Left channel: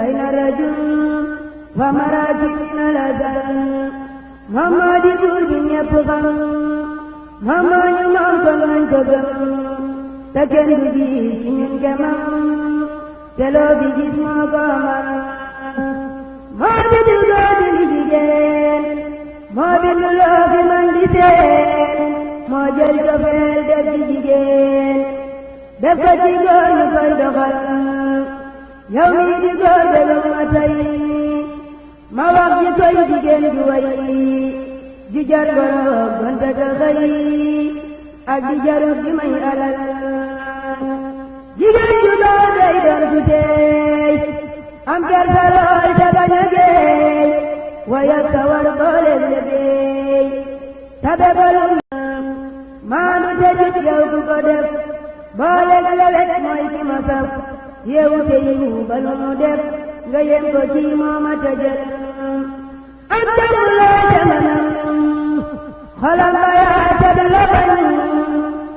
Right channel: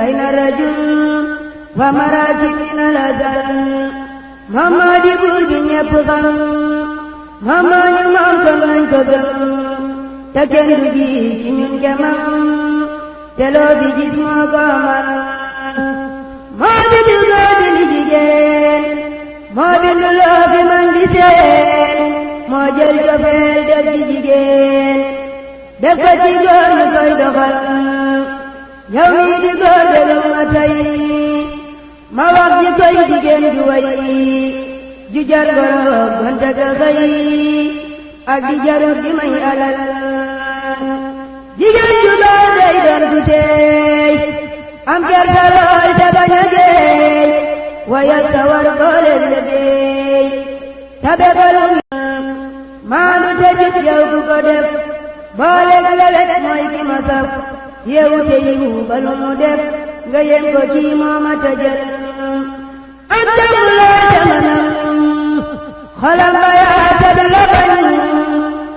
بين الرجل ومراكب من الأذى محمد بودي يبغم محمد يمكن أن تغم تكندي كنين كمان تلو بجسم كمان ما بدلو بنجيجين ما بدلو بمنجسين ما جل كفيل دبجيجين دبجيجون يكوي دخل يومي دقور دلومتي ما وقت يكوي جيجين جوي ججر غرب وانتك خي أكي جرب جمعي ألال جيجين جدا زيدر بتي أم كرسلال تبنجي ويتور قول الذي تبقل ما نتجد يوم قدف بالك لك مايك مصف يوتيو بالمدف غير كوتي ماما تجر أنت لا تمنم خلق يا تبلغن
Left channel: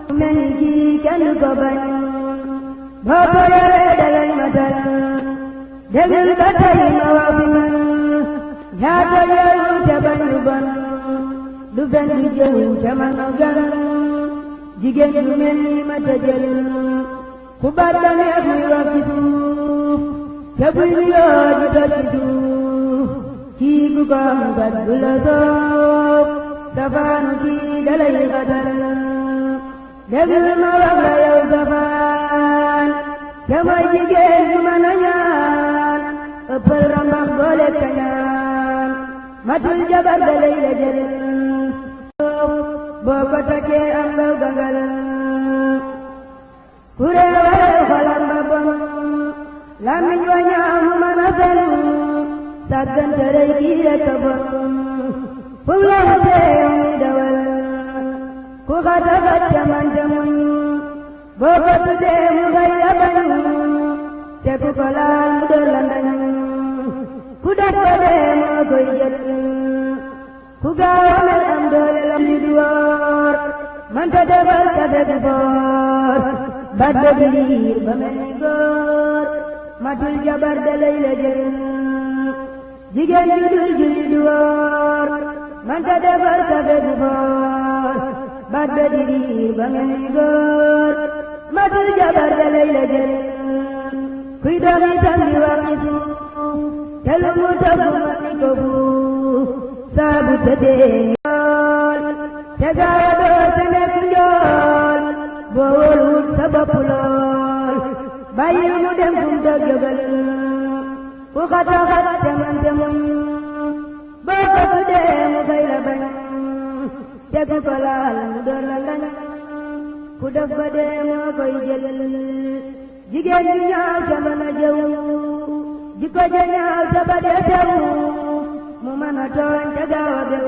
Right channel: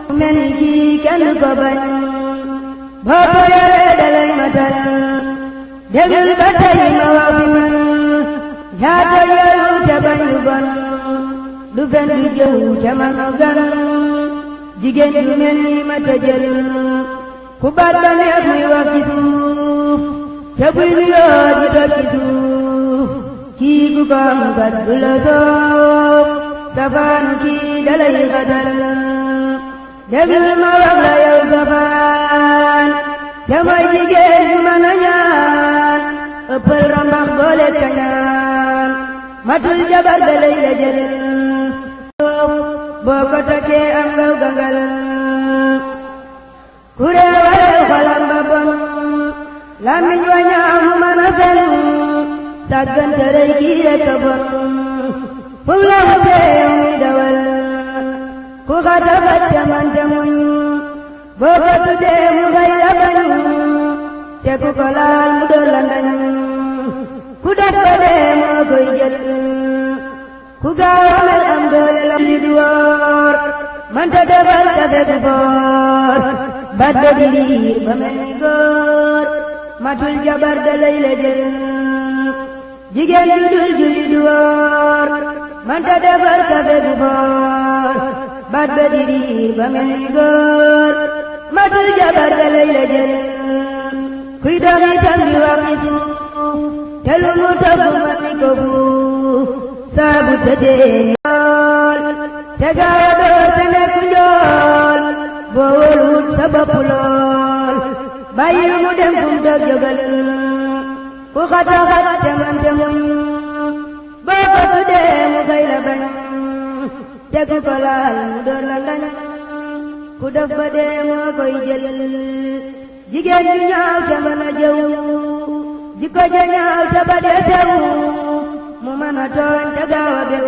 منكي كان قبن بابا يا دلي مدن دل بتي موافمن يا تيو تبن يبن دفن جو كمان أغن jigéen ju mel ni ma tëjal ku baat ba neex muy wax ci suuf te buy nuyoo di doon ci suuf kii ku ko am kat du la soof safaan kii dalay xatal déglul ma wax la yow safaan te mooy jigéen ju mën a ñaan ëppal rambax boole kañaan matul jabar dalay la jël boo ko takkee am nga gangal kuréewal xolam ba bon làmmiñ wa ñaaw mu mën a fen sàggante rëy kii rekk a bon fu mu la wutee muy dawal ku xata xatte man te muñ boo ko tuddee mu fay la bañ te ku ko laal mu door la ndañ ku def ko dee moo koy jël ku gaaw a mer am doole la li di woor manta defal ta fekk boor bat ba di riir ba mel ni góor matul jabar da lay la jël jigéen ju dul julli di woor manta defal ta fekk boor bat ba di riir ba mel ni góor matul jabar da lay la jël kuy dox itam di wax ci suuf te lu mu tëgg man ni ko fuuf saabu tëddee te gaaw a door te nekk njool boo wóoluwut sa bopp lool bàyyil mu dem fu mu dog jógal ku xata xat te man te muñ boo ko tuddee mu fay la bañ te ku ko laal mu door la ndañ ku def ba dee moo koy jël jigéen ju ñaaw te mën a jëw jikko ja ñaaw te ba dee tew mu mën a tooñ te gaaw a bew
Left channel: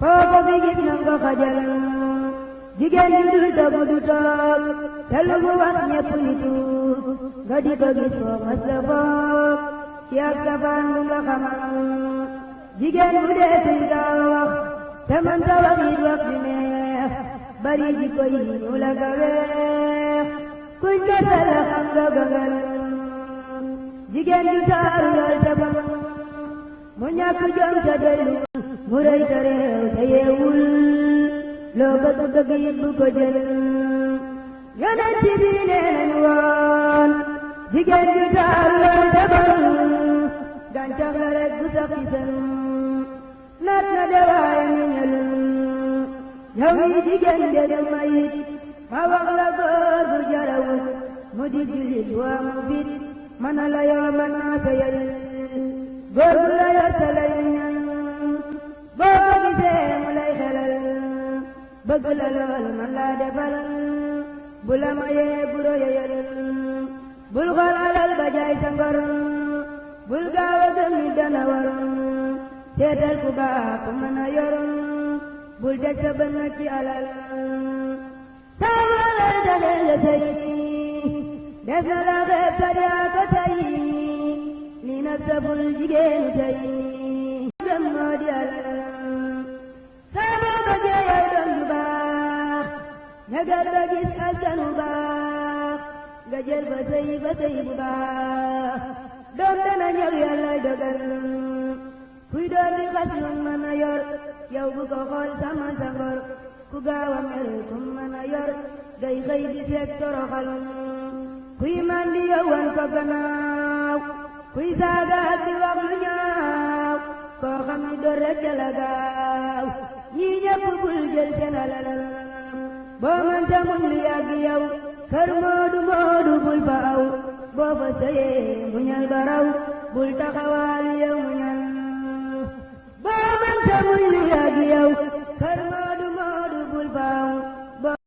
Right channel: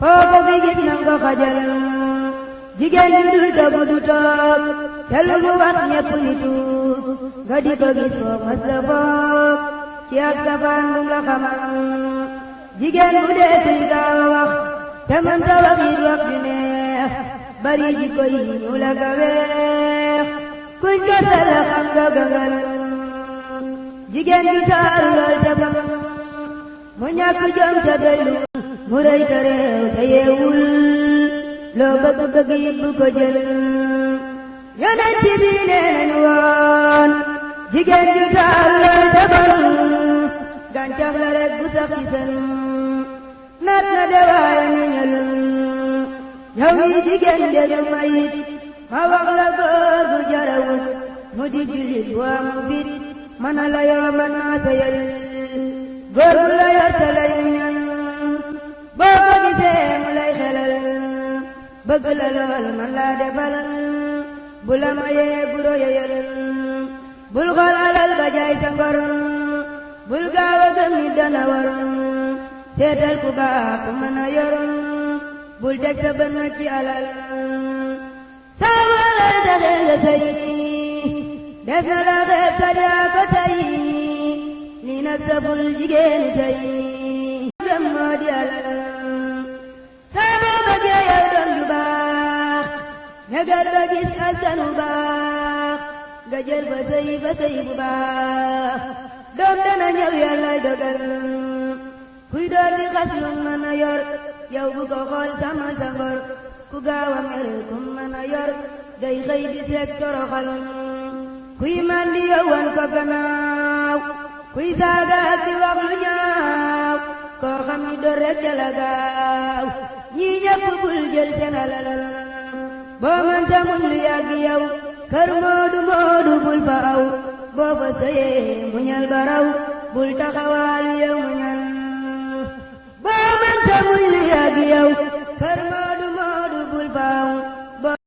foo ko fi gis nang ko xajal jigéen ju dul toog du toog te lu mu wax ñepp ni tuub nga di ko gis foo mas la foog ci ak safaan bu la xamal jigéen bu dee suy gaaw a wax te mën ta wax it wax ju neex bari jikko yi ñu la ga weex kuñ gësal la xam nga gangal jigéen ju taaru lool te bam mu ñàkk jom te doylu mu rëy te réew te yeewul loo bëgg bëgg it bu ko jël yonent bi nee nañu woon jigéen ju taaru lool te bon gàncax la rek bu sax ci sën naat na de waaye meññalul yow mi jigéen déglu ma it ma wax la góor gu jarawul mu di jullit waa mu fit mën a la yoo mën naa seyal góor gu la yor te lay muñal boo ko gisee mu lay xelal bëgg la lool man laa defal bu la mayee guro yeyal bul xool alal ba jaay sa ngor bul gaaw a gëm nit dana war seetal ku baax ku mën a yor bul teg sa bët nag ci alal saa wala taxee nga sëy des na la xeeb sa yaa ko tey lii nag saful jigéenu tey gëm moo di alal saa boo bëggee yow doom ju baax negal ba gis askan bu baax nga jël ba sëy bu baax doom dana ñëw yàllay dogal kuy door di xas lu mën a yor yow bu ko xool sama sa ngor ku gaaw a mer ku mën a yor day xëy di seet toroxal kuy man di yow wan ko gannaaw kuy saaga ak di wax lu ñaaw koo xam ni door rek jala gaaw ñii ñëpp bul jël seen alal boo man ta muñ lu yàgg yow kër moodu moodu bul fa aw boo fa sëyee muñal baraw bul taxawaalu yow muñal